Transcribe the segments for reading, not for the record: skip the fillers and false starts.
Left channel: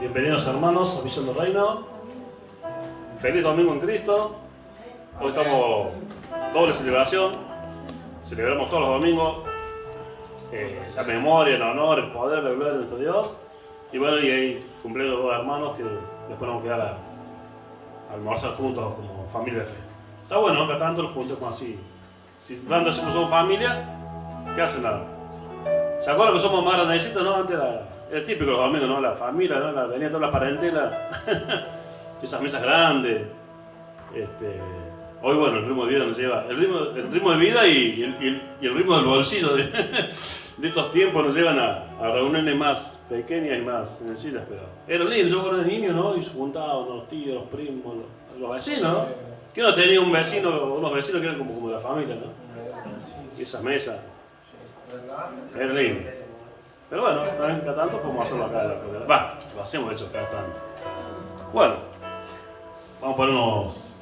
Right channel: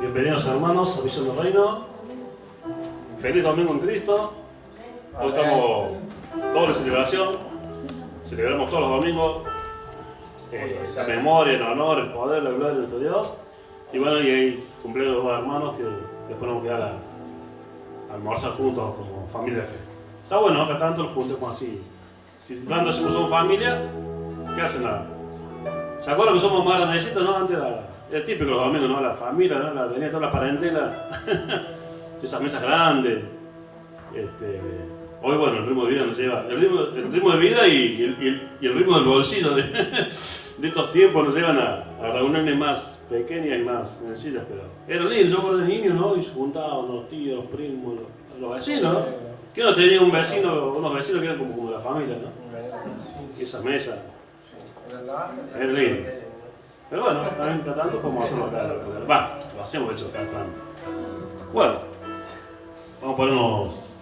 Bienvenidos hermanos a Visión del Reino. Feliz domingo en Cristo. Hoy estamos doble celebración. Celebramos todos los domingos la memoria, el honor, el poder, la gloria de nuestro Dios. Y bueno, y ahí cumpleaños dos hermanos que después nos vamos a quedar a almorzar juntos como familia de fe. Está bueno, acá tanto los juntemos así. Si tanto somos familia, ¿qué hacen nada? ¿Se acuerdan que somos más grandecitos, no? Antes era el típico los domingos, ¿no? La familia, ¿no? Venía toda la parentela, esas mesas grandes. Hoy, bueno, el ritmo de vida nos lleva. El ritmo de vida y el ritmo del bolsillo de estos tiempos nos llevan a reuniones más pequeñas y más sencillas, pero eran lindos. Yo recuerdo de niños, ¿no? Y se juntaban los tíos, los primos, los vecinos, ¿no? Que uno tenía unos vecinos que eran como la familia, ¿no? Y esas mesas. Era lindo. Pero bueno, también cada tanto como hacerlo acá en la programa. Va, lo hacemos de hecho cada tanto. Bueno, vamos a ponernos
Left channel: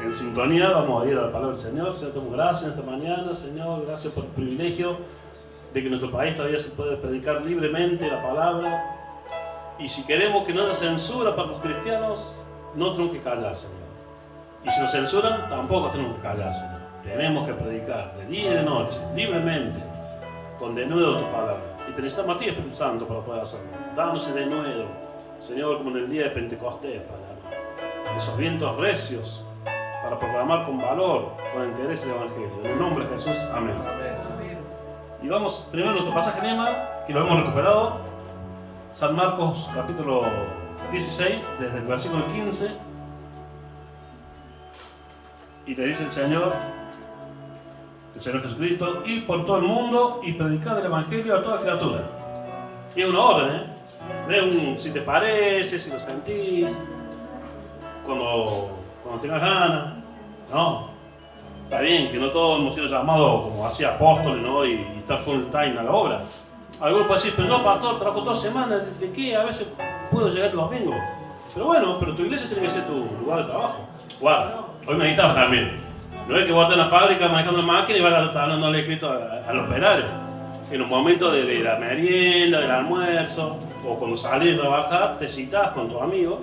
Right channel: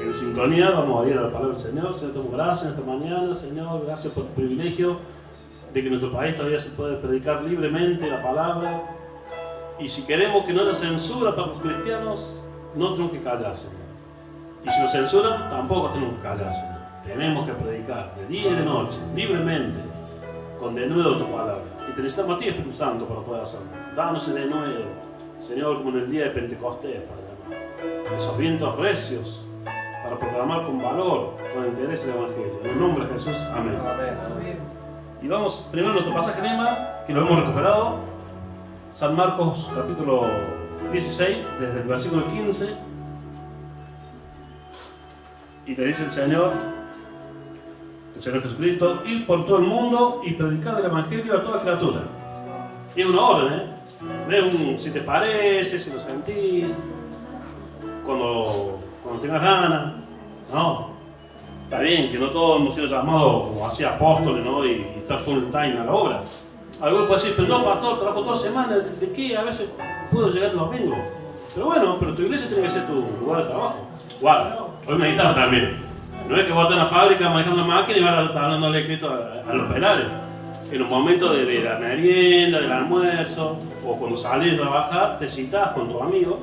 en sintonía, vamos a ir a la palabra del Señor. Señor, te damos gracias esta mañana, Señor, gracias por el privilegio de que en nuestro país todavía se puede predicar libremente la palabra. Y si queremos que no haya censura para los cristianos, no tenemos que callar, Señor. Y si nos censuran, tampoco tenemos que callar, Señor. Tenemos que predicar de día y de noche, libremente, con denuedo tu palabra. Y te necesitamos a ti, Espíritu Santo, para poder hacerlo. Danos ese denuedo, Señor, como en el día de Pentecostés, para llamar. Esos vientos recios, para proclamar con valor, con interés el Evangelio. En el nombre de Jesús, amén. Y vamos primero a nuestro pasaje lema, que lo hemos recuperado. San Marcos, capítulo 16, desde el versículo 15. Y le dice el Señor Jesucristo, ir por todo el mundo y predicar el Evangelio a toda criatura. Y es una orden, ¿eh? No es un si te parece, si lo sentís, cuando tengas ganas. No. Está bien que no todos hemos sido llamados como así apóstoles, ¿no? Y estar full time a la obra. Algunos pueden decir, pero yo, pastor, trabajo toda semana, ¿de qué? A veces puedo llegar el domingo. Pero bueno, pero tu iglesia tiene que ser tu lugar de trabajo. Guarda, hoy meditaba también. No es que vos estés en la fábrica manejando la máquina y vas a estar dándole escrito al operario. En los momentos de la merienda, del almuerzo, o cuando salís de trabajar, te citás con tus amigos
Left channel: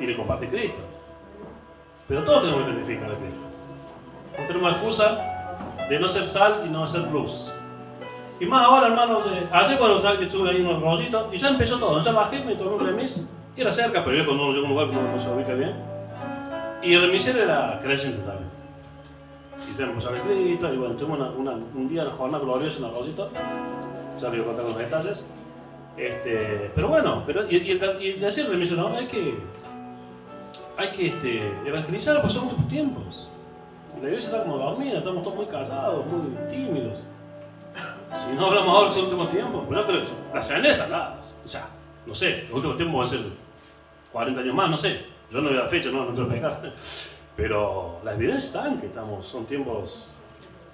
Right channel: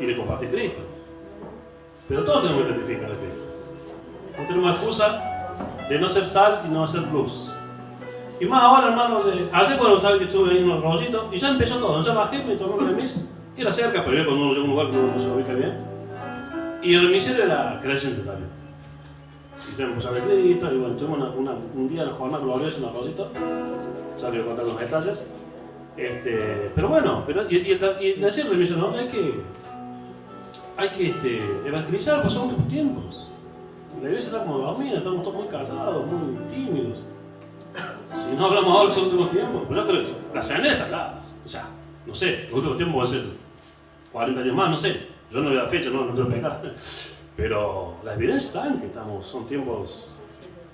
y le compartís Cristo. Pero todos tenemos que identificar a Cristo. No tenemos excusa de no ser sal y no ser luz. Y más ahora, hermanos, ayer cuando sabes que estuve ahí en unos rollitos, y ya empezó todo. Ya bajé, me tomé un remis, que era cerca, pero yo cuando uno llega a un lugar que no se ubica bien. Y el remisero era creyente también. Y tenemos a Cristo, y bueno, tuvimos un día, una jornada gloriosa en Arrocito. Ya voy a contar los detalles. Pero bueno, y decir remisero, ¿no? Hay que evangelizar, pues son otros tiempos. La iglesia está como dormida, estamos todos muy callados, muy tímidos. Si no hablamos ahora que son los últimos tiempos, pero yo creo que las señales están dadas. O sea, no sé, los últimos tiempos van a ser 40 años más, no sé. Yo no veo la fecha, no quiero pecar. Pero las evidencias están que son tiempos,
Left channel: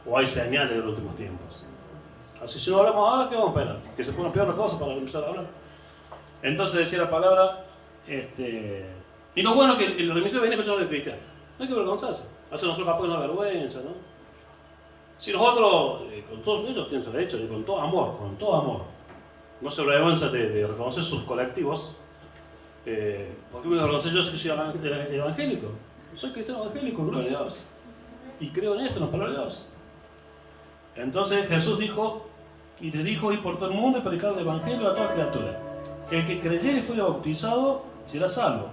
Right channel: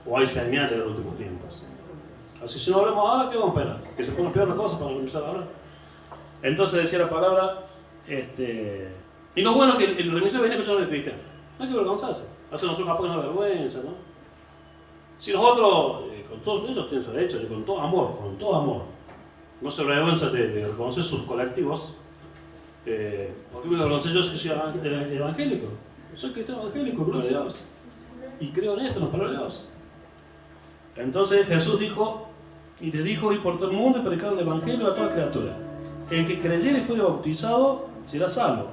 o hay señales de los últimos tiempos. Así si no hablamos ahora, ¿qué vamos a esperar? Que se pongan peor las cosas para empezar a hablar. Entonces decía la palabra, y lo bueno es que el remisor viene escuchando al cristiano. No hay que avergonzarse. A veces nosotros capaz que no hay vergüenza, ¿no? Si nosotros, con todos ellos tienen su derecho, con todo amor, no se avergüenza de reconocer sus colectivos. ¿Por qué me avergoncé yo si soy evangélico? Soy cristiano evangélico, gloria a Dios. Y creo en esto, en la palabra de Dios. Entonces Jesús dijo, y le dijo, ir por todo el mundo y predicar el evangelio a toda criatura. El que creyere y fuere bautizado será salvo,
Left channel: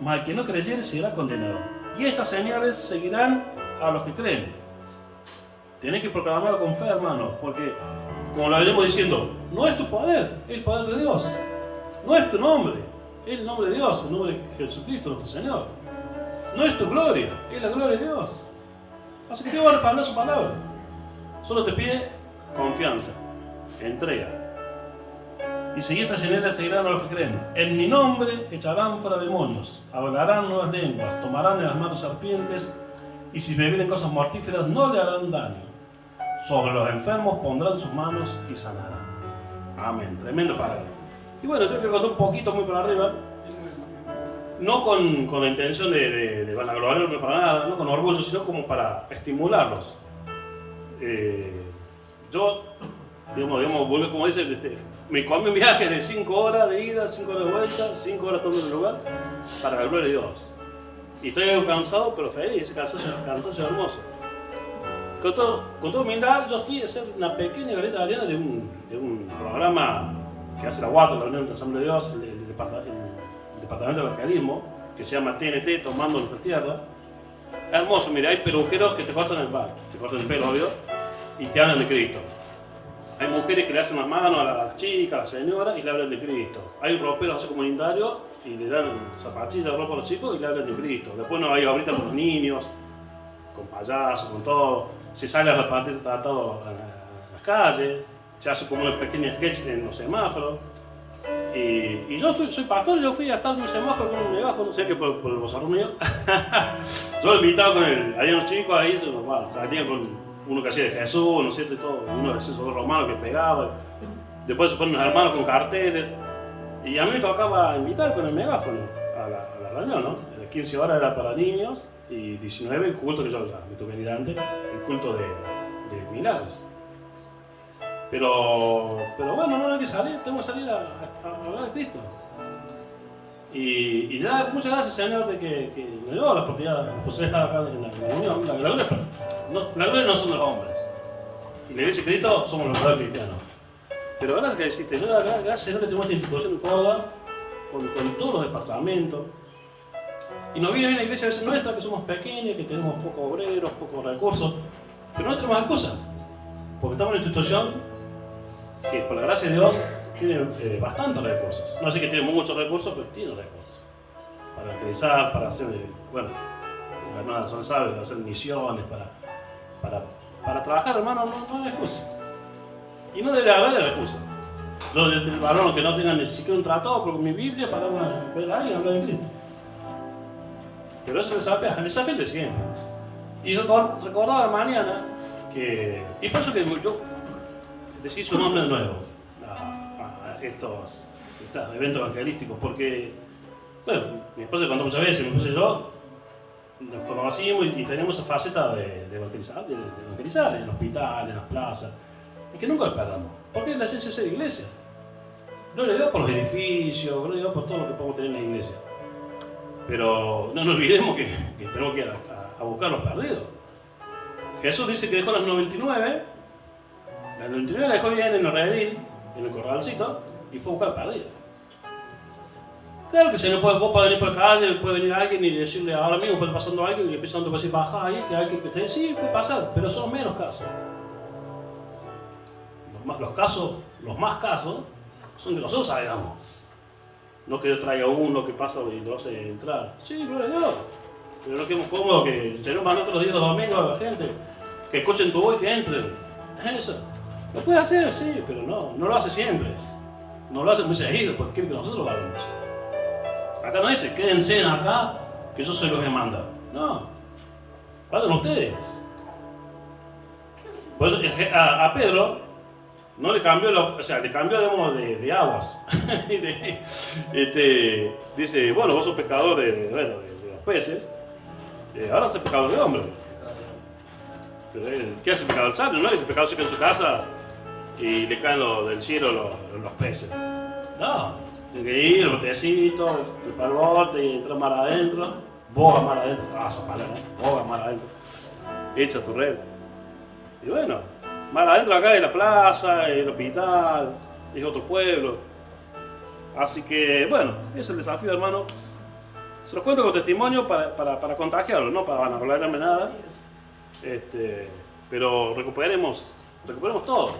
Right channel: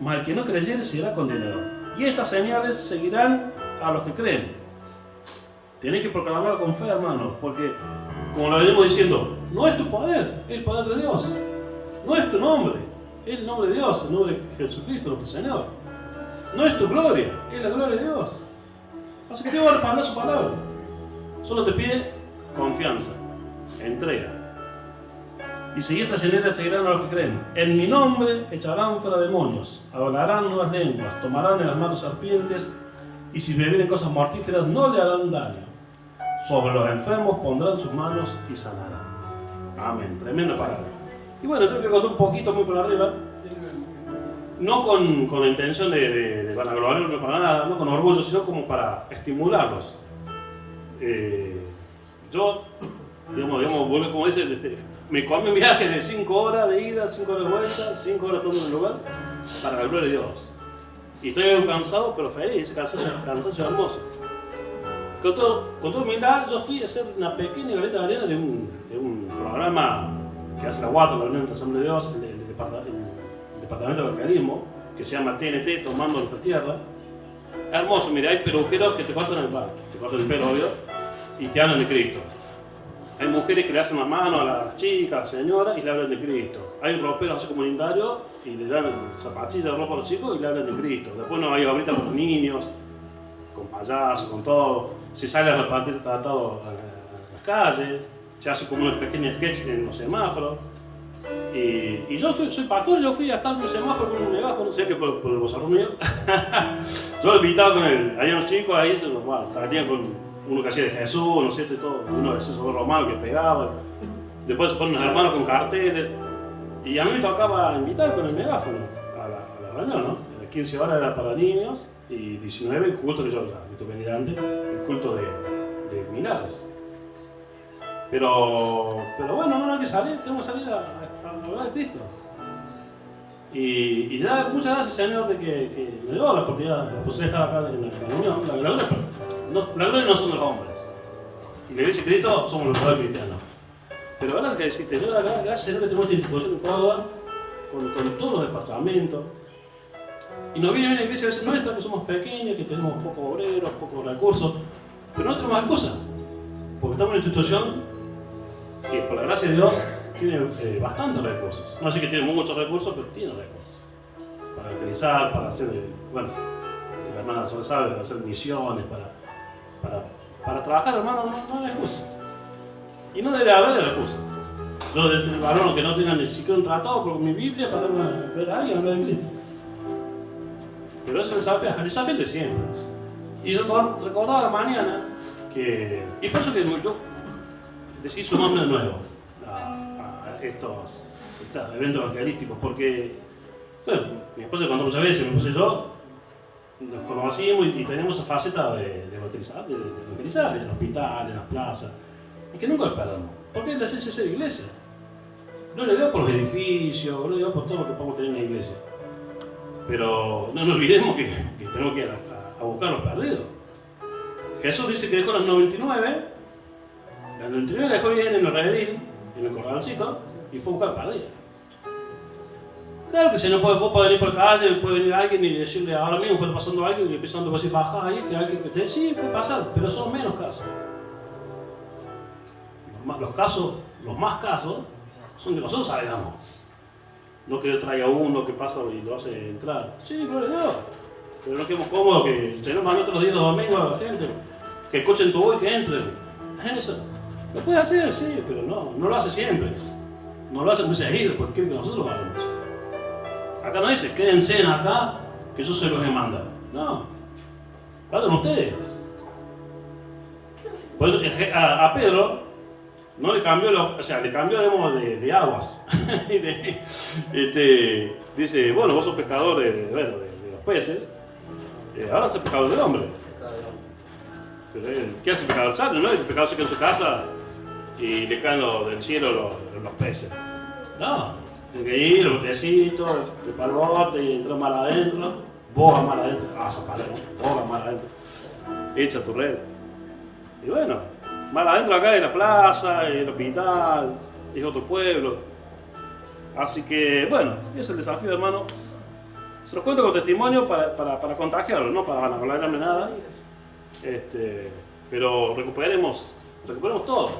mas el que no creyere será condenado. Y estas señales seguirán a los que creen. Tenés que proclamarlo con fe, hermanos, porque, como lo venimos diciendo, no es tu poder, es el poder de Dios. No es tu nombre, es el nombre de Dios, el nombre de Jesucristo, nuestro Señor. No es tu gloria, es la gloria de Dios. Así que te voy a respaldar su palabra. Solo te pide confianza, entrega. Y si estas señales seguirán a los que creen. En mi nombre echarán fuera demonios, hablarán nuevas lenguas, tomarán en las manos serpientes, y si bebieren cosas mortíferas no le harán daño. Sobre los enfermos pondrán sus manos y sanarán. Amén. Tremenda palabra. Y bueno, yo quiero contar un poquito muy por arriba. No con la intención de vanagloriarme para nada, no con orgullo, sino como para estimularlos. Yo, digamos, como dice, me comí un viaje de 5 horas de ida, 5 horas de vuelta, 5 horas todo en el lugar, para la gloria de Dios. Y estoy cansado, pero feliz, cansancio hermoso. Con toda humildad, yo fui a hacer una pequeña granita de arena de un programa que hace la UATA, la Unión de Asamblea de Dios, el Departamento de Evangelismo, que se llama TNT, Tomando Nuestra Tierra. Hermoso, mira, hay peluqueros que te cortan el pelo, obvio, y te hablan de Cristo. Hay mujeres que le hacen las manos a las chicas, a las señoras, y le hablan de Cristo. Hay roperos así comunitarios y le dan zapatillas de ropa a los chicos y le hablan de Cristo. Después no hay ahorita con los niños, con payasos, con todo. Se sale a repartir tratado a las calles, se hace como una pequeña sketch en los semáforos. Y yo soy pastor, yo fui a estar en un semáforo con un megáfono, sé que por el bozarrón mío. Yo lo invitaba con él, había unos chicos ahí, salían con uno que hacía de Jesús, ¿no es cierto? Y todo, uno de esos romanos que pegaba. Después se ponen los hermanos con carteles. Y a mí me tocaba invitar con el megáfono a la reunión, ¿no? 15 horas era para niños y 19 el culto que yo ya me tuve que venir antes, el culto de milagros. Pero bueno, no hay que salir, tengo que salir a hablar de Cristo. Y ya, muchas gracias, Señor, de que me dio la oportunidad de estar acá en la unión. La gloria no son los hombres. Y la iglesia de Cristo somos los verdaderos cristianos. Pero ahora que deciste, yo gracias, Señor, que tengo esta institución en Córdoba, con todos los departamentos. Y nos viene a la iglesia a veces nuestra, que somos pequeños, que tenemos pocos obreros, pocos recursos, pero no tenemos excusas. Porque estamos en una institución que, por la gracia de Dios, tiene bastantes recursos. No sé que tiene muchos recursos, pero tiene recursos. Para evangelizar, para hacer, bueno, la hermana Sol sabe, para hacer misiones, para trabajar, hermano, no hay excusa. Y no debe haber recursos. Yo, el varón que no tenga ni siquiera un tratado con mi Biblia para ver a alguien hablar de Cristo. Pero eso es el desafío de siempre. Y yo recordaba la mañana que, y por eso que yo decidí su nombre nuevo a estos eventos evangelísticos, porque, bueno, mi esposa contó muchas veces, mi esposa y yo nos conocimos y teníamos esa faceta de evangelizar en el hospital, en las plazas, y que nunca lo perdamos, porque es la esencia de ser iglesia. Gloria a Dios por los edificios, gloria a Dios por todo lo que podemos tener en la iglesia. Pero no nos olvidemos que tenemos que ir a buscar los perdidos. Jesús dice que dejó las 99, las 99 la dejó bien en el redil, en el corralcito, y fue a buscar perdidos. Claro que si no vos podés venir por la calle, puede venir alguien y decirle ahora mismo, puede pasando alguien y le empieza a decir baja ahí, que alguien que te sí, puede pasar, pero son menos casos. Los más casos, son que nosotros sabemos. No que yo traiga uno que pasa y lo hace entrar. Sí, gloria a Dios. Pero no quedemos cómodos que tenemos más otros días los domingos a la gente. Que escuchen tu voz y que entren. Eso. Lo puede hacer, sí, pero no lo hace siempre. No lo hace muy seguido porque quiere que nosotros lo hagamos. Acá no dice, quédense acá que yo se los he mandado. No. Vayan ustedes. Por eso a Pedro no le cambió, le cambió de aguas. Dice, bueno, vos sos pescador de los peces, ahora sos pescador de hombres. Pero ¿qué hace el pescador sabio? ¿No? El pescador se queda en su casa y le caen del cielo los peces. No, tiene que ir, el botecito, para el bote y entrar mar adentro, boga mar adentro, pasa mal, boga mar adentro, echa tu red. Y bueno, más adentro acá es la plaza, el hospital, es otro pueblo. Así que, bueno, ese es el desafío, hermano. Se los cuento con testimonio para contagiarlo, no para vanagloriarme nada. Pero recuperemos todo.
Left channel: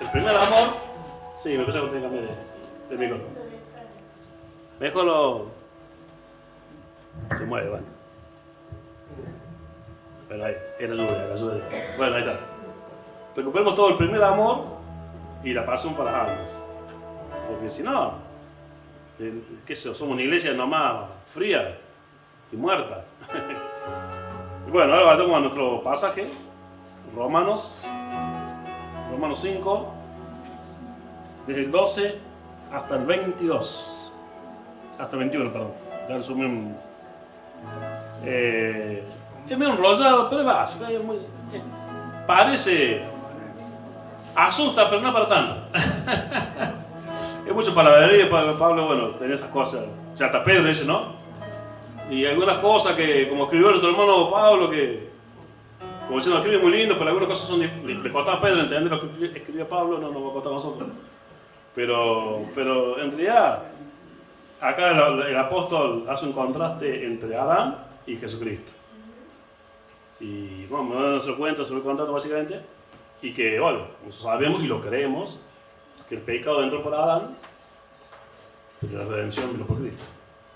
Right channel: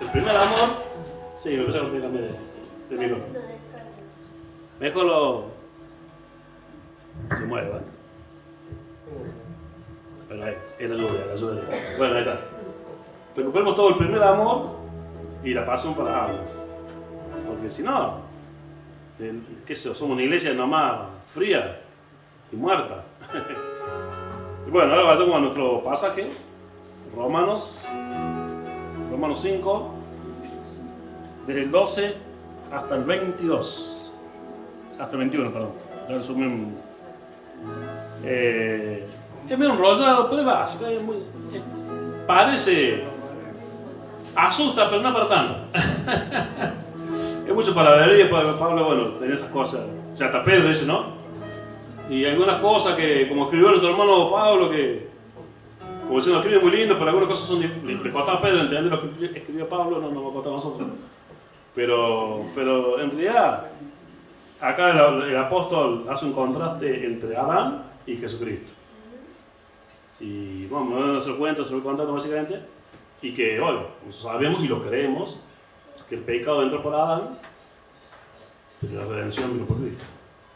El primer amor, sí, me parece que tengo que cambiar de minuto. Mejor se mueve, ¿vale? Pero ahí, en ayuda. Bueno, ahí está. Recuperemos todo el primer amor y la pasión para las almas. Porque si no, qué sé yo, somos una iglesia nomás fría y muerta. Y bueno, ahora vayamos a nuestro pasaje, Romanos 5, desde el 12 hasta el 22. Hasta el 21, perdón. Ya resumí es medio enrollado, pero es básico. Parece... asusta, pero no para tanto. Es mucho palabrería, Pablo, bueno, tenía esas cosas. O sea, hasta Pedro dice, ¿no? Y algunas cosas que, como escribió nuestro hermano Pablo, que, como diciendo, escribe muy lindo, pero algunas cosas son le costaba a Pedro entender lo que escribió Pablo, no nos va a costar a nosotros. Pero en realidad, acá el apóstol hace un contraste entre Adán y Jesucristo. Y bueno, me van a hacer cuento, se lo voy contando básicamente, y que, bueno, sabemos y lo creemos, que el pecado entró por Adán, pero la redención vino por Cristo.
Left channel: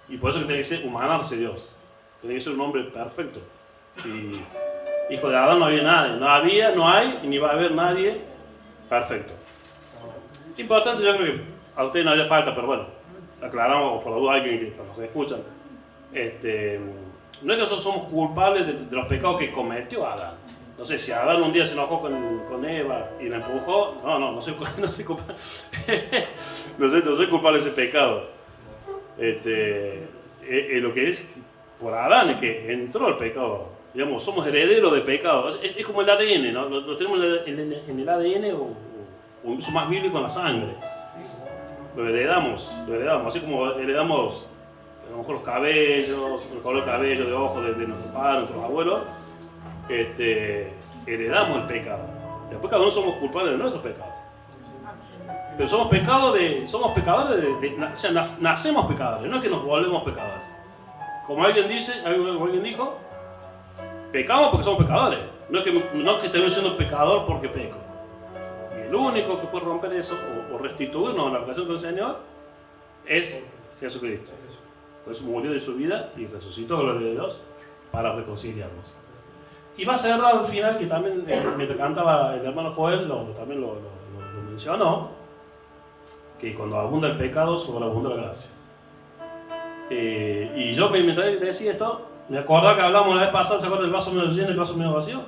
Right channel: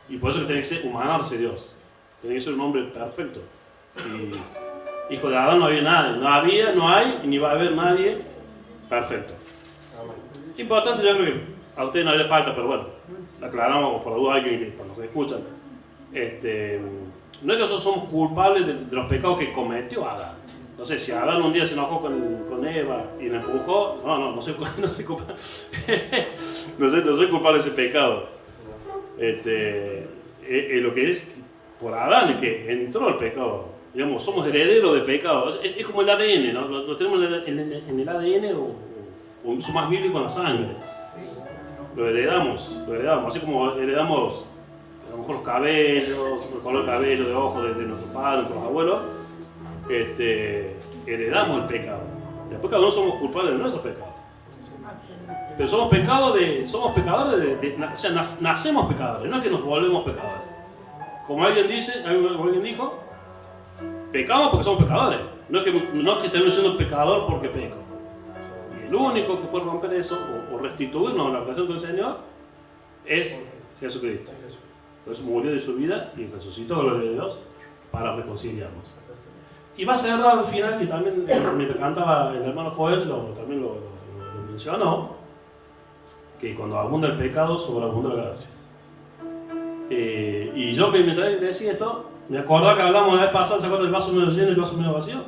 Y por eso que tiene que ser humanarse Dios, tiene que ser un hombre perfecto. Y hijo de Adán no había nadie, no había, no hay, y ni va a haber nadie perfecto. Importante, yo creo que a ustedes no haría falta, pero bueno, aclaramos por la duda alguien que, para los que escuchan. No es que nosotros somos culpables de los pecados que cometió Adán. No sé, si Adán un día se enojó con Eva y la empujó, no soy culpable, no soy culpable de ese pecado. Lo que es por Adán es que entró el pecado. Digamos, somos herederos de pecado. Es como el ADN, ¿no? Lo tenemos en el ADN o incluso más bíblico en la sangre. Lo heredamos. Así como heredamos a lo mejor los cabellos, el color de cabello, de ojos de nuestros padres, nuestros abuelos, heredamos el pecado. Después cada uno somos culpables de nuestro pecado. Pero somos pecadores o sea, nacemos pecadores, no es que nos volvemos pecadores. Como alguien dijo, pecamos porque somos pecadores. No es que estemos siendo pecador porque peco. Y el único que puede romper eso o restituirnos a la relación con el Señor es Jesucristo. Por eso murió de su vida y resucitó, gloria a Dios, para reconciliarnos. Y va a cerrar al final, que también me cantaba el hermano Joel, también lo mencionó, que cuando abunda el pecado, sobreabunda la gracia. Y yo mientras decía esto, me acordaba que hablamos la vez pasada, ¿se acuerdan del vaso medio lleno y el vaso medio vacío?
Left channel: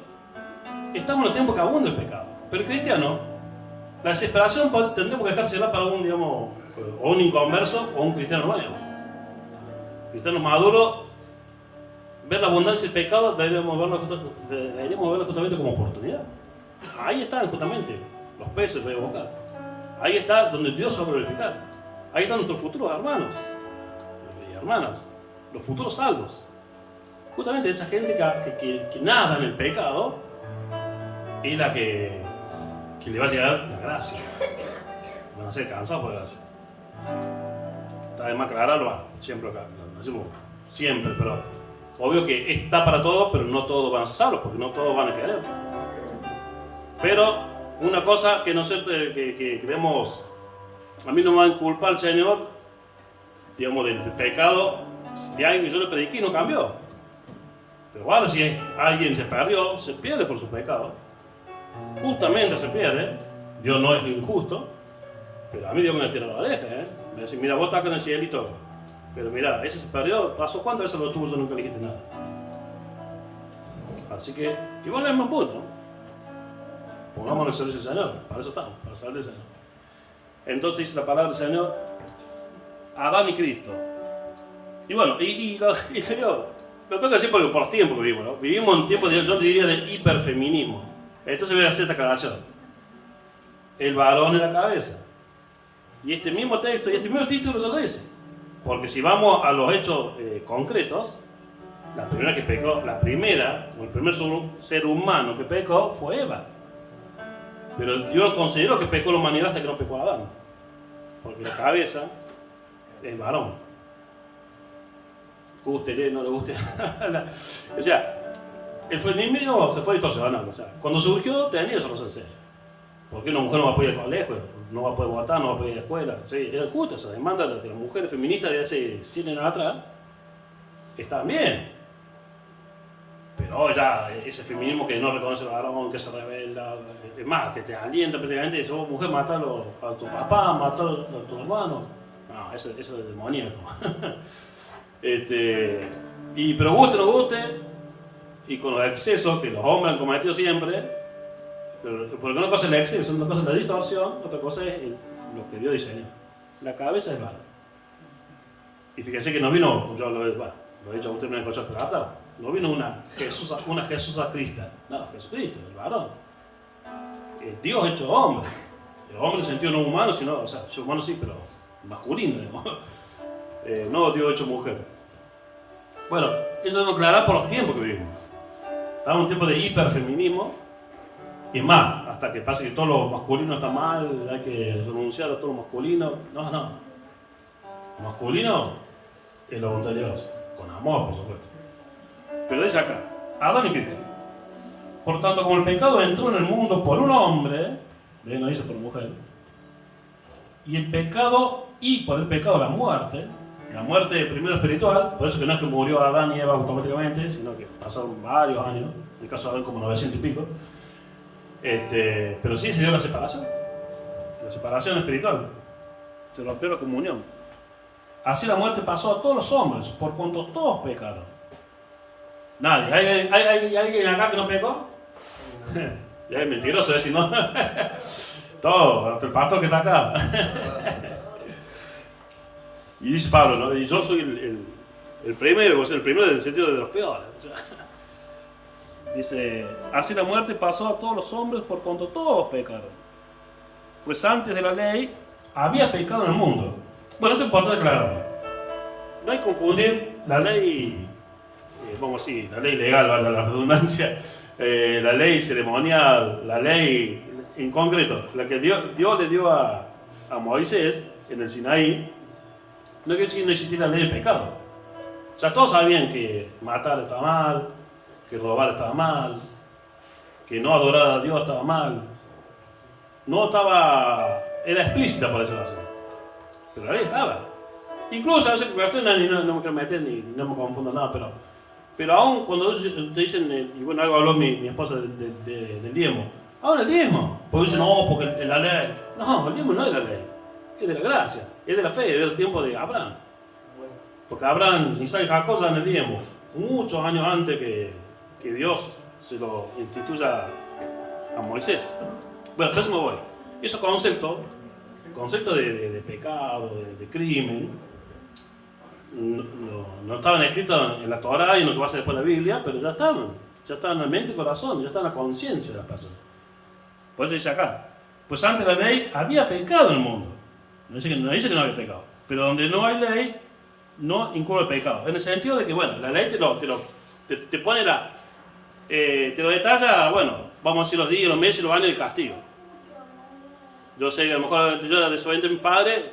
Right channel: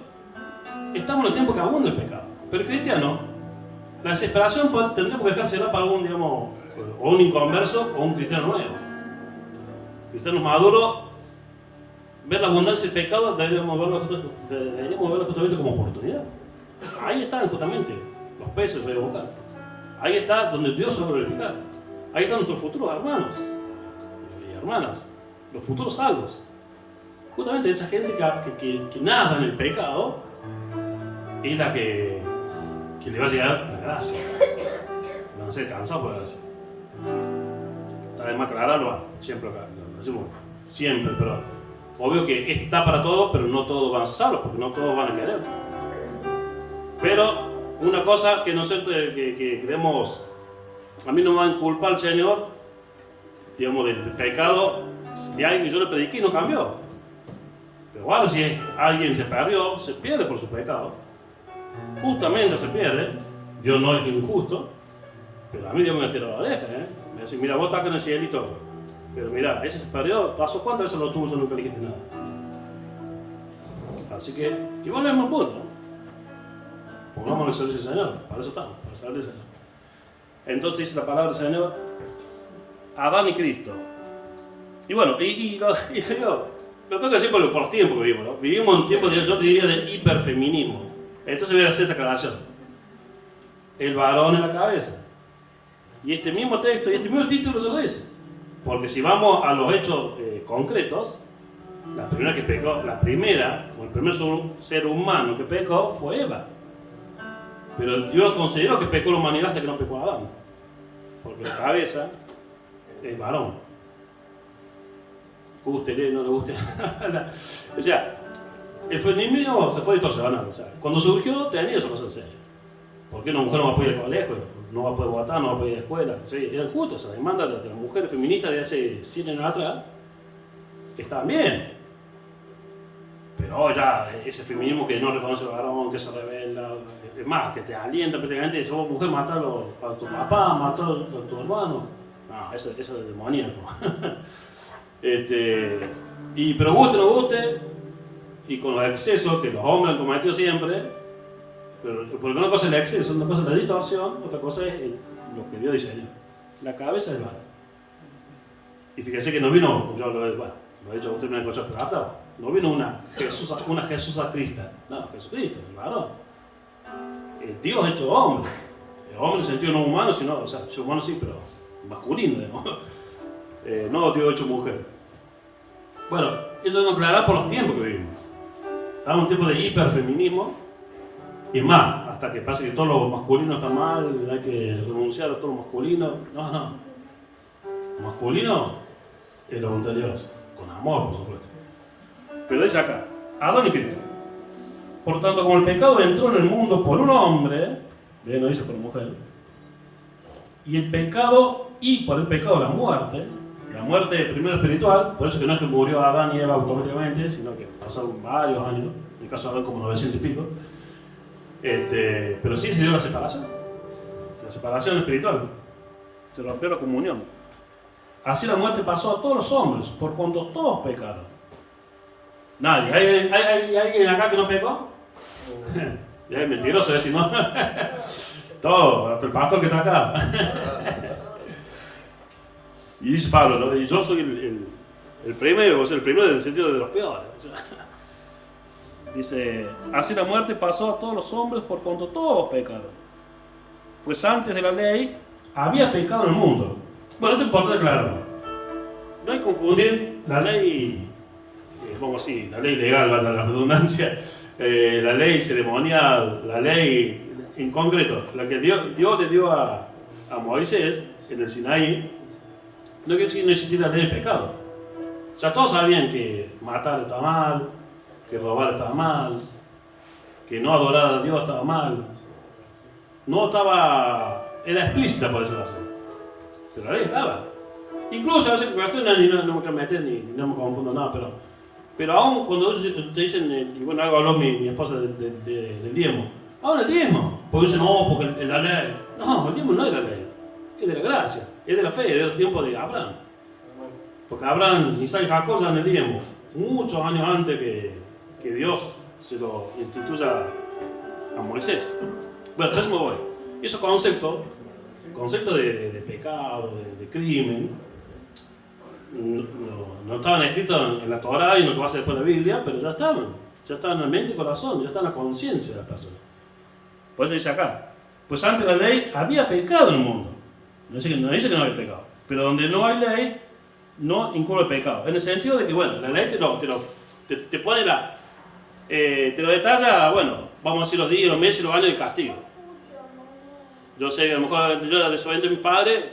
Estamos en el tiempo que abunda el pecado. Pero el cristiano, la desesperación tendríamos que dejársela para un, digamos, o un inconverso o un cristiano nuevo. Cristianos maduros, ver la abundancia del pecado, deberíamos verlo justamente como oportunidad. Ahí están justamente los peces revocados. Ahí está donde Dios se va a glorificar. Ahí están nuestros futuros hermanos y hermanas, los futuros salvos. Justamente esa gente que nada en el pecado es la que le va a llegar la gracia. Van a ser cansados por la gracia. Está de más aclararlo, siempre acá, lo decimos siempre, pero obvio que está para todos, pero no todos van a ser salvos, porque no todos van a querer. Pero una cosa que no sé, que queremos, a mí no me va a culpar el Señor, digamos, del pecado de alguien que yo le prediqué y no cambió. Pero bueno, si alguien se perdió, se pierde por su pecado. Justamente se pierde. Dios no es injusto, pero a mí Dios me va a tirar la oreja, Me dice, mira, vos estás acá en el cielito, pero mira, ese se perdió, pasó cuántas veces lo tuvo, yo nunca le dijiste nada. Así que, igual es el mismo punto. Pongámonos el servicio del Señor, para eso estamos, para saber del Señor. Entonces dice la palabra del Señor, Adán y Cristo. Y bueno, lo tengo que decir porque por tiempo vivimos, ¿no? Vivimos en tiempos, yo diría, de hiperfeminismo. Entonces voy a hacer esta aclaración. El varón en la cabeza. Y este mismo texto y este mismo título se lo dice. Porque si vamos a los hechos concretos, la primera que pecó, o el primer ser humano que pecó fue Eva. Pero yo considero que pecó la humanidad hasta que no pecó Adán. Porque la cabeza es varón. Guste, no le guste. O sea, el feminismo se fue distorsionando. O sea, cuando surgió tenía eso cosas serias. ¿Por qué una mujer no va a poder ir al colegio? No va a poder votar, no va a poder ir a la escuela. Sí, era justo esa demanda de las mujeres feministas de hace 100 años atrás. Estaban bien. Pero ya ese feminismo que no reconoce al varón, que se rebela, es más, que te alienta prácticamente, dice, oh, mujer, mátalo a tu papá, mátalo a tu hermano. No, eso es demoníaco. Pero guste o no guste, y con los excesos que los hombres han cometido siempre, porque una cosa es el exceso, una cosa es la distorsión, otra cosa es lo que Dios diseñó. La cabeza es varón. Y fíjense que no vino, yo lo he dicho a usted en el coche, pero aplaudo. No vino una Jesús a Cristo. No, Jesucristo, el varón. Dios hecho hombre. El hombre en el sentido no humano, sino, o sea, humano sí, pero masculino, digamos. No Dios hecho mujer. Bueno, esto nos aclarará por los tiempos que vivimos. Estamos en un tiempo de hiperfeminismo. Y más, hasta que pase que todo lo masculino está mal, hay que renunciar a todo lo masculino. No. Lo masculino es la voluntad de Dios, con amor, por supuesto. Pero dice acá, Adán y Cristo. Por tanto, como el pecado entró en el mundo por un hombre, no dice por mujer, y por el pecado la muerte primero espiritual, por eso que no es que murió Adán y Eva automáticamente, sino que pasaron varios años, en el caso de Adán como 900 y pico, pero sí se dio la separación espiritual, se rompió la comunión. Así la muerte pasó a todos los hombres, por cuanto todos pecaron. Nadie. ¿Hay alguien acá que no pecó? Ya es mentiroso, si no. Todo, hasta el pastor que está acá. Y dice Pablo, ¿no? Y yo soy el primero, o sea, el primero en el sentido de los peores. O sea, dice, así la muerte pasó a todos los hombres por cuanto todos pecaron. Pues antes de la ley había pecado en el mundo. Bueno, esto es importante aclararlo. No hay que confundir la ley, vamos así, la ley legal, valga la redundancia, la ley ceremonial, la ley en concreto, la que Dios le dio a Moisés en el Sinaí, no quiere decir que no existiera la ley del pecado. O sea, todos sabían que matar estaba mal, que robar estaba mal, que no adorar a Dios estaba mal. Era explícita, por decirlo así. Pero la ley estaba. Incluso a veces no me quiero meter ni no me confundo nada, pero aún cuando te dicen, y bueno, algo habló mi esposa del diezmo. Ahora el diezmo, porque dicen, no, porque la ley. No, el diezmo no es la ley, es de la gracia, es de la fe, es del tiempo de Abraham. Porque Abraham, Isaac y Jacob dan el diezmo muchos años antes que Dios se lo instituya a Moisés. Bueno, entonces me voy. Esos conceptos de pecado, de crimen, no estaban escritos en la Torah y en lo que va a ser después la Biblia, pero ya estaban en la mente y corazón, ya estaban en la conciencia de las personas. Por eso dice acá, pues antes la ley había pecado en el mundo. No dice que no había pecado, pero donde no hay ley, no incurre el pecado. En el sentido de que, bueno, la ley te pone te lo detalla, bueno, vamos a decir los días, los meses, los años de castigo. Yo sé que a lo mejor yo era desobediente de mi padre,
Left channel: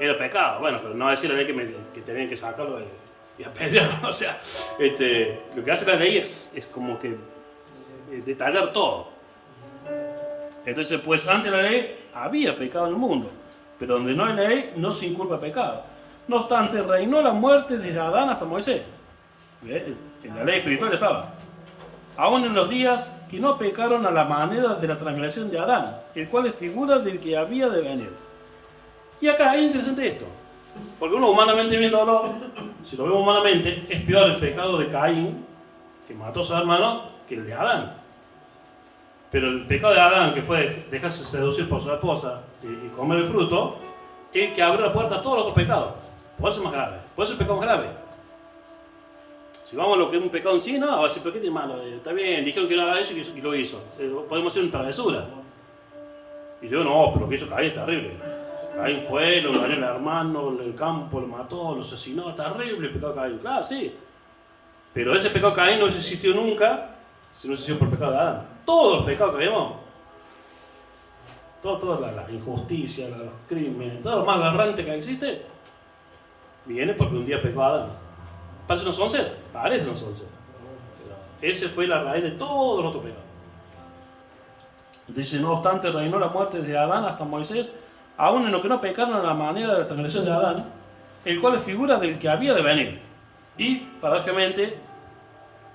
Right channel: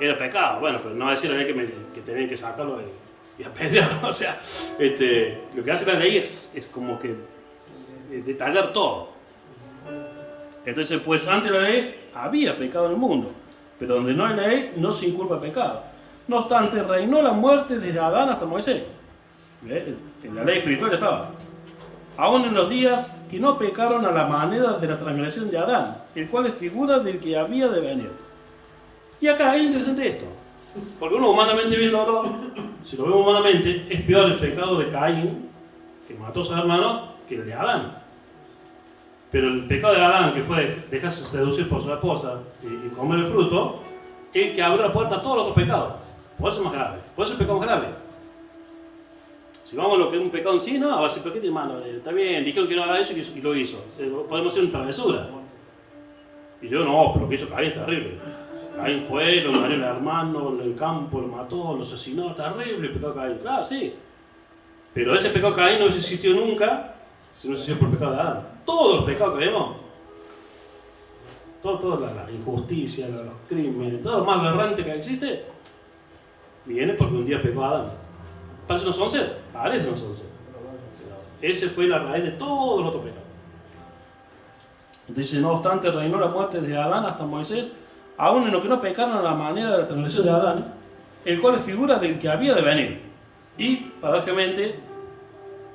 era pecado, bueno, pero no va a decir la ley que tenían que sacarlo y apedrearlo. O sea, lo que hace la ley es como que detallar todo. Entonces, pues antes de la ley había pecado en el mundo, pero donde no hay ley no se inculpa pecado. No obstante, reinó la muerte desde Adán hasta Moisés. En la ley espiritual ya estaba. Aún en los días que no pecaron a la manera de la transgresión de Adán, el cual es figura del que había de venir. Y acá es interesante esto, porque uno humanamente viéndolo, si lo vemos humanamente, es peor el pecado de Caín, que mató a su hermano, que el de Adán. Pero el pecado de Adán, que fue dejarse seducir por su esposa y comer el fruto, es el que abrió la puerta a todos los otros pecados. Por eso es más grave, por eso es el pecado más grave. Si vamos a lo que es un pecado en sí, no, a ver si, ¿pero qué tiene malo? Está bien, dijeron que no haga eso y lo hizo. Podemos hacer una travesura. Y yo, no, pero lo que hizo Caín es terrible. Caín fue, lo dañó al hermano, en el campo, lo mató, lo asesinó, terrible el pecado de Caín. Claro, sí. Pero ese pecado de Caín no existió nunca si no existió por el pecado de Adán. Todos los pecados que vemos, toda la injusticia, los crímenes, todo lo más aberrante que existe, viene porque un día pecó Adán. Parece no son ser, pero ese fue la raíz de todo el otro pecado. Dice, no obstante, reinó la muerte desde Adán hasta Moisés, aún en lo que no pecaron a la manera de la transgresión de Adán, el cual es figura del que había de venir. Y, paradójicamente,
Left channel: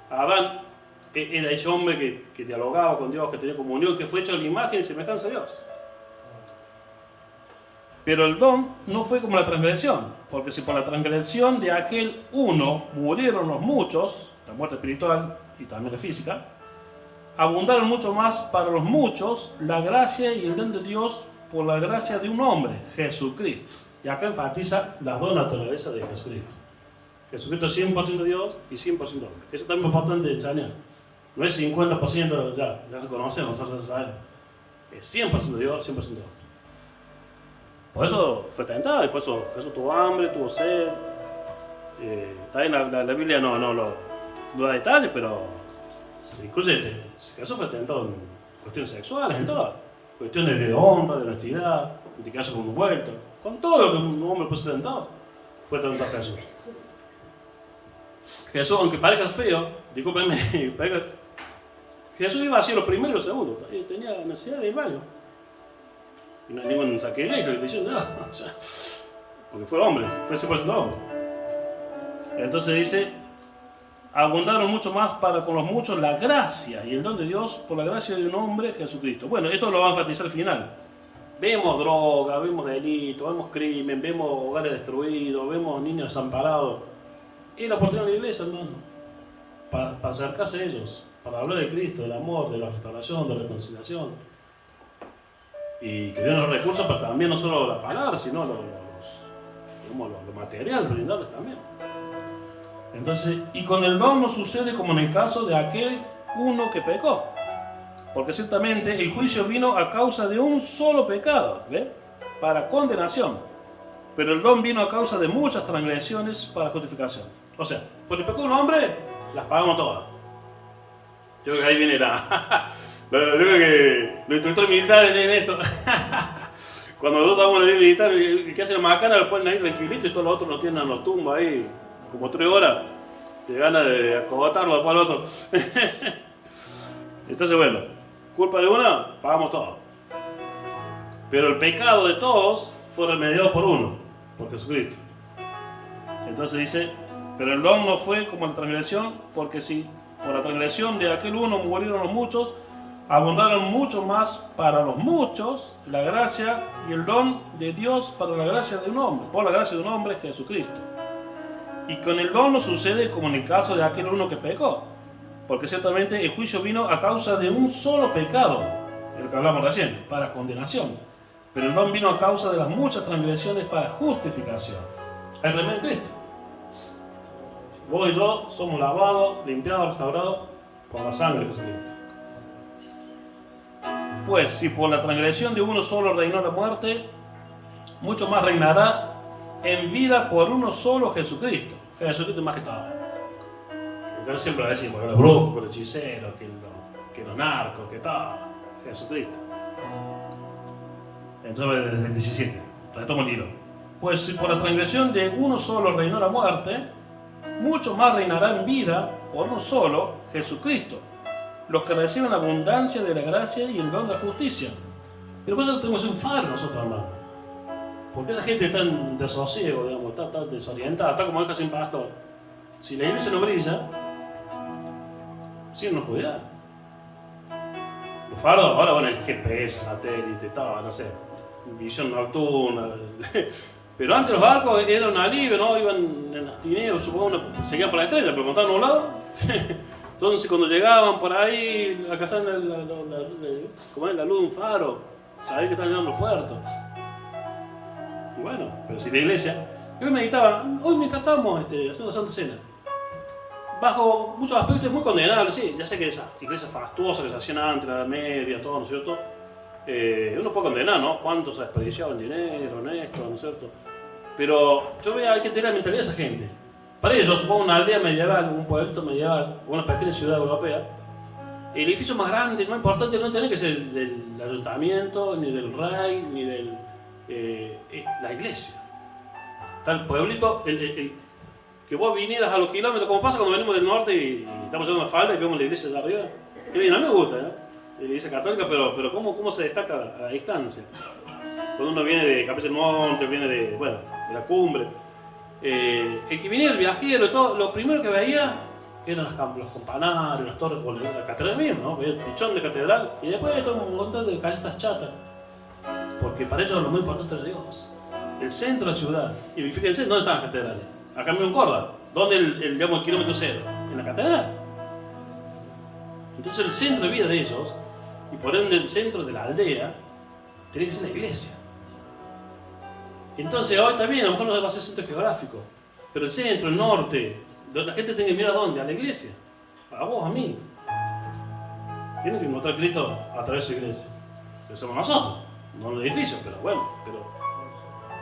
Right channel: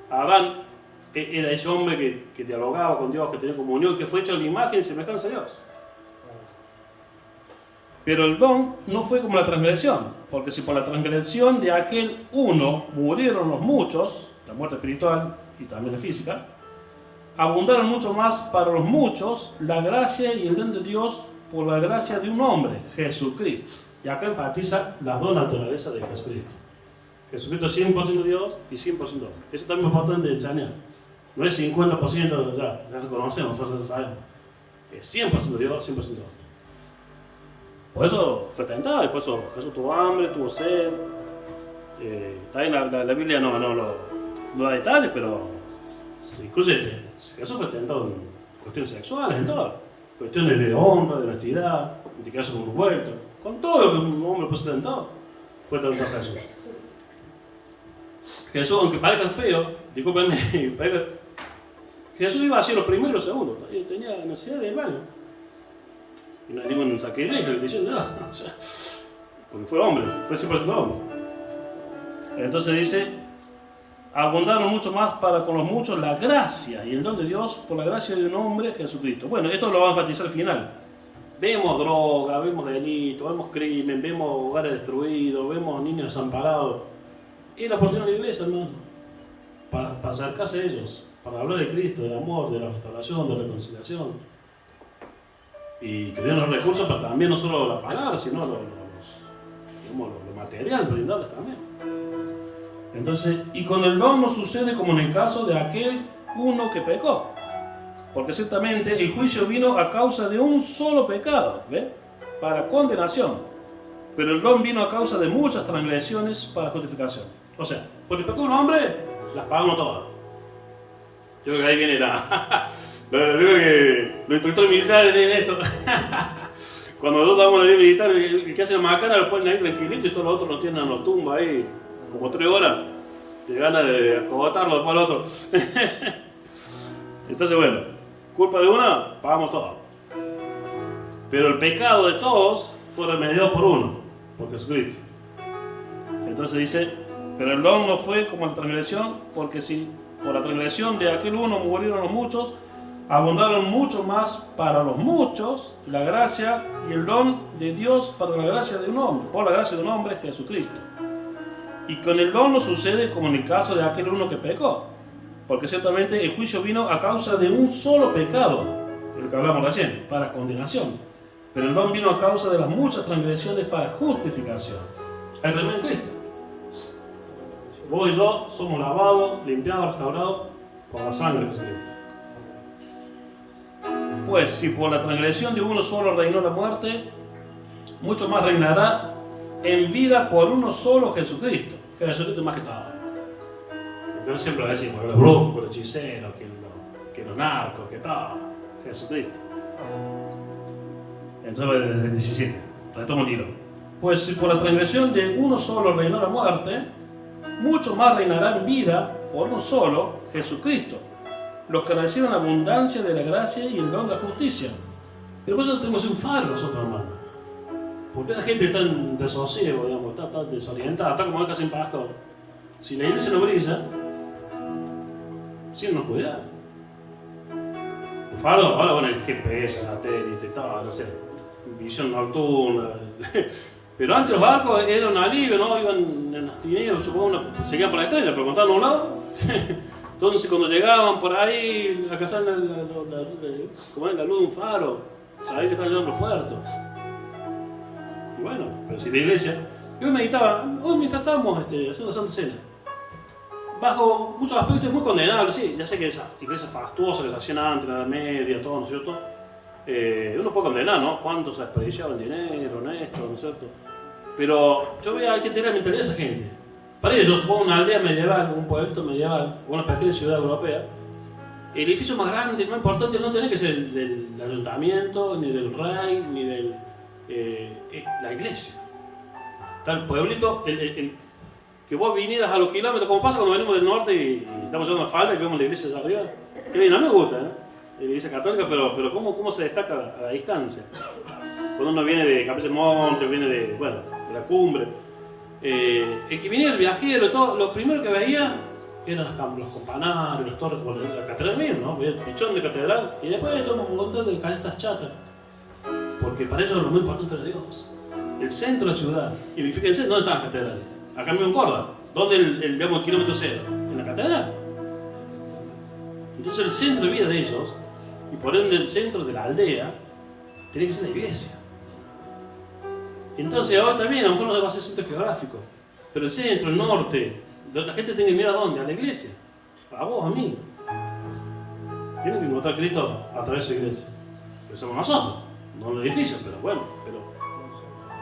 Adán era ese hombre que dialogaba con Dios, que tenía comunión, que fue hecho a la imagen y semejanza de Dios. Pero el don no fue como la transgresión, porque si por la transgresión de aquel uno murieron los muchos, la muerte espiritual y también la física, abundaron mucho más para los muchos la gracia y el don de Dios por la gracia de un hombre, Jesucristo. Y acá enfatiza las dos naturalezas de Jesucristo. Jesucristo es 100% Dios y 100% hombre. Eso también es importante enseñar. No es 50%, ya lo conocemos, nosotros sabemos. Es 100% Dios, 100% hombre. por eso fue tentado, y por eso Jesús tuvo hambre, tuvo sed. También la Biblia no da detalles, pero se incluye, Jesús fue tentado en cuestiones sexuales, en todo. Cuestiones de honra, de honestidad, de quedarse con un vuelto. Con todo lo que un hombre puede ser tentado, fue tentado Jesús. Jesús, aunque parezca feo, discúlpenme, Jesús iba así los primeros y los segundos, tenía necesidad de ir al baño. No hay ningún sacrilegio, diciendo nada, o sea, porque fue hombre, fue 100% hombre. Entonces dice, abundaron mucho más para con los muchos la gracia y el don de Dios por la gracia de un hombre, Jesucristo. Bueno, esto lo va a enfatizar al final. Vemos droga, vemos delitos, vemos crimen, vemos hogares destruidos, vemos niños desamparados. Y la oportunidad de la iglesia, hermano, para acercarse a ellos, para hablar de Cristo, del amor, de la restauración, de la reconciliación. Y que den los recursos para también no solo la palabra, sino lo material, brindarles también. Entonces, y con el don no sucede como en el caso de aquel uno que pecó. Porque ciertamente el juicio vino a causa de un solo pecado, ¿ve? Para condenación. Pero el don vino a causa de muchas transgresiones para justificación. O sea, porque pecó un hombre, las pagamos todas. Yo creo que ahí viene yo creo que los instructores militares leen esto. Cuando nosotros damos la ley militar, el que hace la macana lo ponen ahí tranquilito y todos los otros lo tienen en los tumbas ahí, como 3 horas. Te gana de acogotarlo después al otro. Entonces, bueno, culpa de una, pagamos todo. Pero el pecado de todos fue remediado por uno, por Jesucristo. Entonces dice, pero el don no fue como la transgresión, porque si por la transgresión de aquel uno murieron los muchos, abundaron mucho más para los muchos la gracia y el don de Dios para la gracia de un hombre, por la gracia de un hombre, Jesucristo. Y con el don no sucede como en el caso de aquel uno que pecó, porque ciertamente el juicio vino a causa de un solo pecado, el que hablamos recién, para condenación. Pero el don vino a causa de las muchas transgresiones para justificación. Hay remedio en Cristo. Vos y yo somos lavados, limpiados, restaurados por la sangre de Jesucristo. Pues si por la transgresión de uno solo reinó la muerte, mucho más reinará en vida por uno solo, Jesucristo. Jesucristo más que todo. Yo siempre lo decimos, los brujos, los hechiceros, que los narcos, que todo. Jesucristo. Entonces el 17, retomo el hilo. Pues si por la transgresión de uno solo reinó la muerte, mucho más reinará en vida por uno solo, Jesucristo, los que reciben abundancia de la gracia y el don de la justicia. Pero por eso tenemos un faro nosotros, hermanos. Porque esa gente está en desosiego, digamos, está desorientada, está como deja sin pastor. Si la iglesia no brilla, sí nos cuidar. Los faros, ahora van el GPS, satélite, todo, no sé, visión nocturna. Pero antes los barcos eran un alivio, ¿no? Iban en las tinieblas, supongo, seguían por la estrella, pero cuando estaban nublados. Entonces cuando llegaban por ahí a cazar la luz de un faro, sabían que estaban llegando los puertos. Y bueno, pero si la iglesia... Hoy mientras estábamos haciendo Santa Cena, bajo muchos aspectos muy condenables, sí, ya sé que esas iglesias fastuosas que se hacían antes, la Edad Media, todo, ¿no es cierto? Uno puede condenar, ¿no? Cuánto se desperdiciaba en dinero, honesto, ¿no es cierto? Pero yo veo, hay que tener la mentalidad de esa gente. Para ellos, supongo una aldea medieval, un pueblito medieval, una pequeña ciudad europea, el edificio más grande, más importante, no tiene que ser el del ayuntamiento, ni del rey, ni de la iglesia. Está el pueblito, que vos vinieras a los kilómetros, como pasa cuando venimos del norte y estamos llevando la falda y vemos la iglesia allá arriba. Que bien, a mí me gusta, la iglesia católica, pero ¿cómo se destaca a la distancia? Cuando uno viene de Capilla del Monte, viene de la cumbre. El que venía, el viajero, todo, lo primero que veía eran los campanarios, las torres, la catedral misma, ¿no? El pichón de catedral, y después todo un montón de casas chatas. Porque para ellos lo más importante era Dios. El centro de la ciudad. Y fíjense, ¿dónde están las catedrales? Acá en Córdoba. ¿Dónde el kilómetro cero? En la catedral. Entonces el centro de vida de ellos, y por ende el centro de la aldea, tiene que ser la iglesia. Entonces hoy también, a lo mejor no va a ser centro geográfico, pero el centro, el norte, la gente tiene que mirar a dónde, a la iglesia, a vos, a mí. Tienen que encontrar a Cristo a través de la iglesia, que somos nosotros, no el edificio, pero bueno,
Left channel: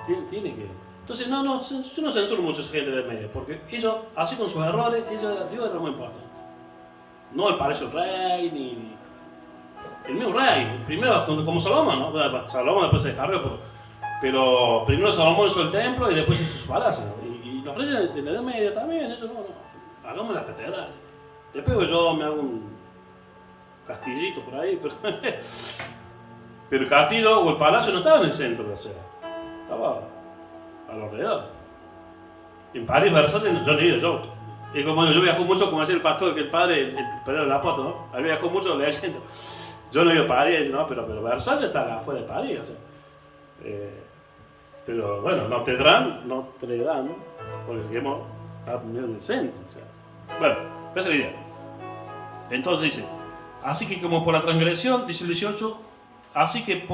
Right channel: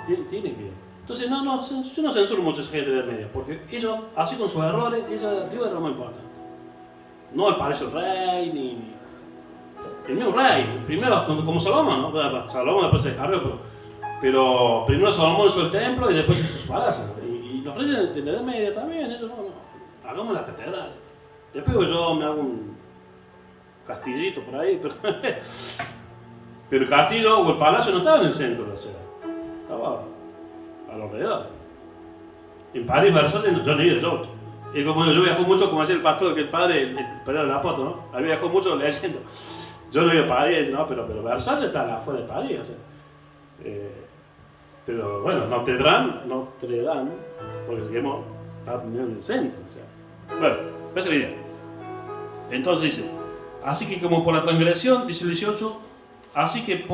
Tiene que... Entonces, yo no censuro mucho a esa gente de media, porque ellos, así con sus errores, Dios era lo más importante. No el palacio del rey, ni el mismo rey. Primero, como Salomón, ¿no? Salomón después se descarrió, pero primero Salomón hizo el templo y después hizo su palacio. Y los reyes de la Edad Media también, eso no. Hagamos la catedral. Después yo me hago un castillito por ahí, pero el castillo o el palacio no estaba en el centro de la ciudad, estaba a los alrededores. En París, Versalles, yo no he ido, y como yo viajo mucho, como decía el pastor, que el padre de la apóstol, ¿no? Él viajó mucho leyendo. Yo no he ido a París, ¿no? Pero Versalles está afuera de París, o sea. Pero bueno, Notre Dame, porque seguimos está en el centro, o sea. Bueno, esa es la idea. Entonces dice, así que como por la transgresión, dice el 18, así que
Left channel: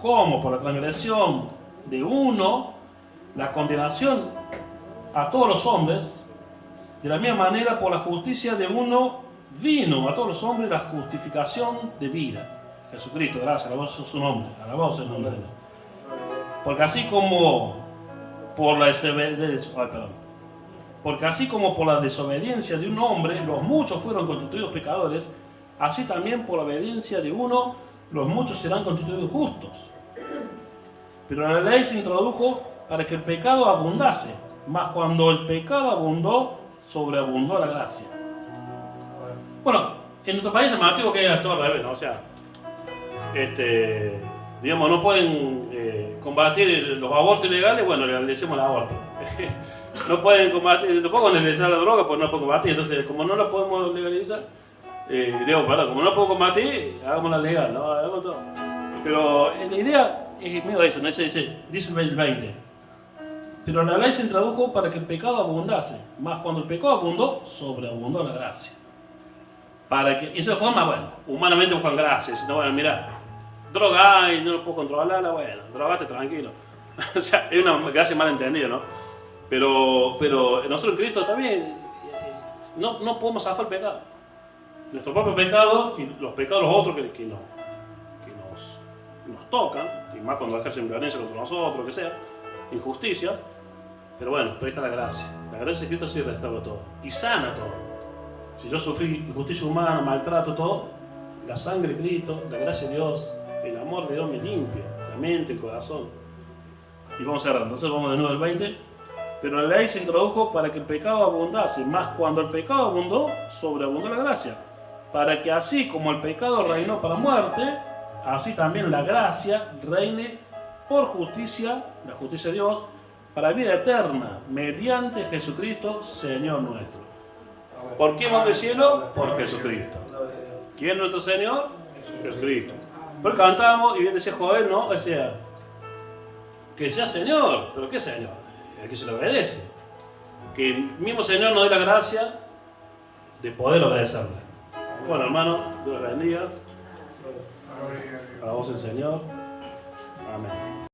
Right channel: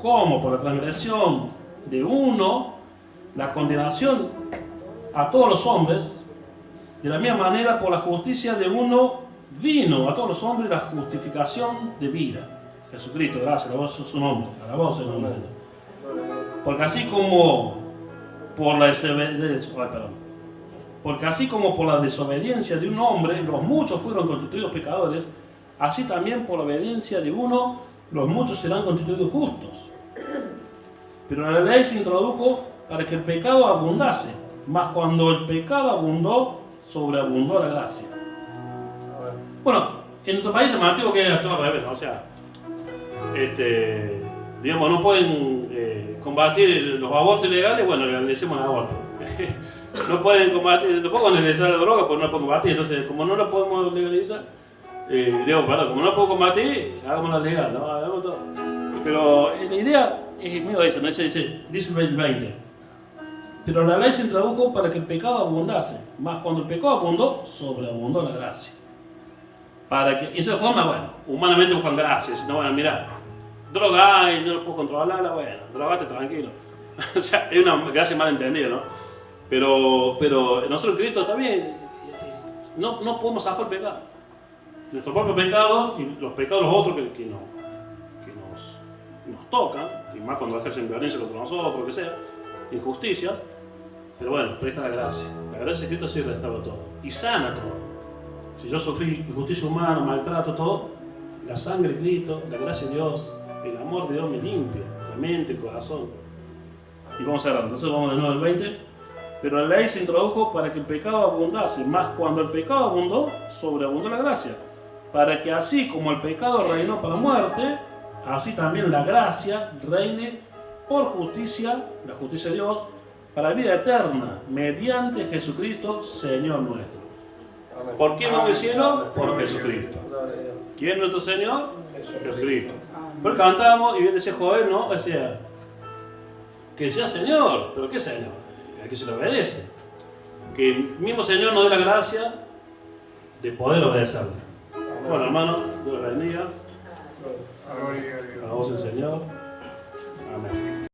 como por la transgresión de uno, la condenación a todos los hombres, de la misma manera por la justicia de uno vino a todos los hombres la justificación de vida. Jesucristo, gracias, alabado es su nombre, alabado es el nombre de Dios. Porque así como por la desobediencia de un hombre, los muchos fueron constituidos pecadores, así también por la obediencia de uno, los muchos serán constituidos justos. Pero la ley se introdujo para que el pecado abundase, mas cuando el pecado abundó, sobreabundó la gracia. Bueno, en nuestro país es más antiguo que todo al revés, ¿no? O sea, digamos, no pueden combatir los abortos ilegales, bueno, legalicemos el aborto. No pueden combatir, tampoco legalizar la droga, pues no pueden combatir. Entonces, como no lo podemos legalizar, como no puedo combatir, hagámosla legal, ¿no? Hagamos todo. Pero la idea es medio eso, ¿no? Dice el 20. Pero la ley se introdujo para que el pecado abundase, más cuando el pecado abundó, sobreabundó la gracia. Para que, y de esa forma, bueno, humanamente buscan gracia. Si no, bueno, mira, droga y no puedo controlarla, bueno, drogate tranquilo. O sea, es una gracia mal entendida, ¿no? Pero nosotros en Cristo también no podemos zafar el pecado. Nuestro propio pecado y los pecados de los otros que nos tocan, y más cuando ejercen violencia contra nosotros, que sea, injusticias. Pero bueno, pero ahí está la gracia. La gracia de Cristo sí restaura todo y sana todo. Si yo sufrí injusticia humana, maltrato, todo, la sangre de Cristo, la gracia de Dios, el amor de Dios me limpia la mente, el corazón. Y vamos a cerrar. Entonces vamos de nuevo al 20. Pero la ley se introdujo para que el pecado abundase, más cuando el pecado abundó, sobreabundó la gracia. Para que así como el pecado reinó para muerte, así también la gracia reine por justicia, la justicia de Dios, para vida eterna, mediante Jesucristo, Señor nuestro. ¿Por quién vamos al cielo? Por Jesucristo. ¿Quién es nuestro Señor? Jesucristo. Pues cantábamos y bien decía Joel, ¿no? Decía, que sea Señor, pero ¿qué Señor? Al que se le obedece. Que el mismo Señor nos dé la gracia de poder obedecerle. Bueno, hermano, Dios bendiga. Alabamos al Señor. Amén.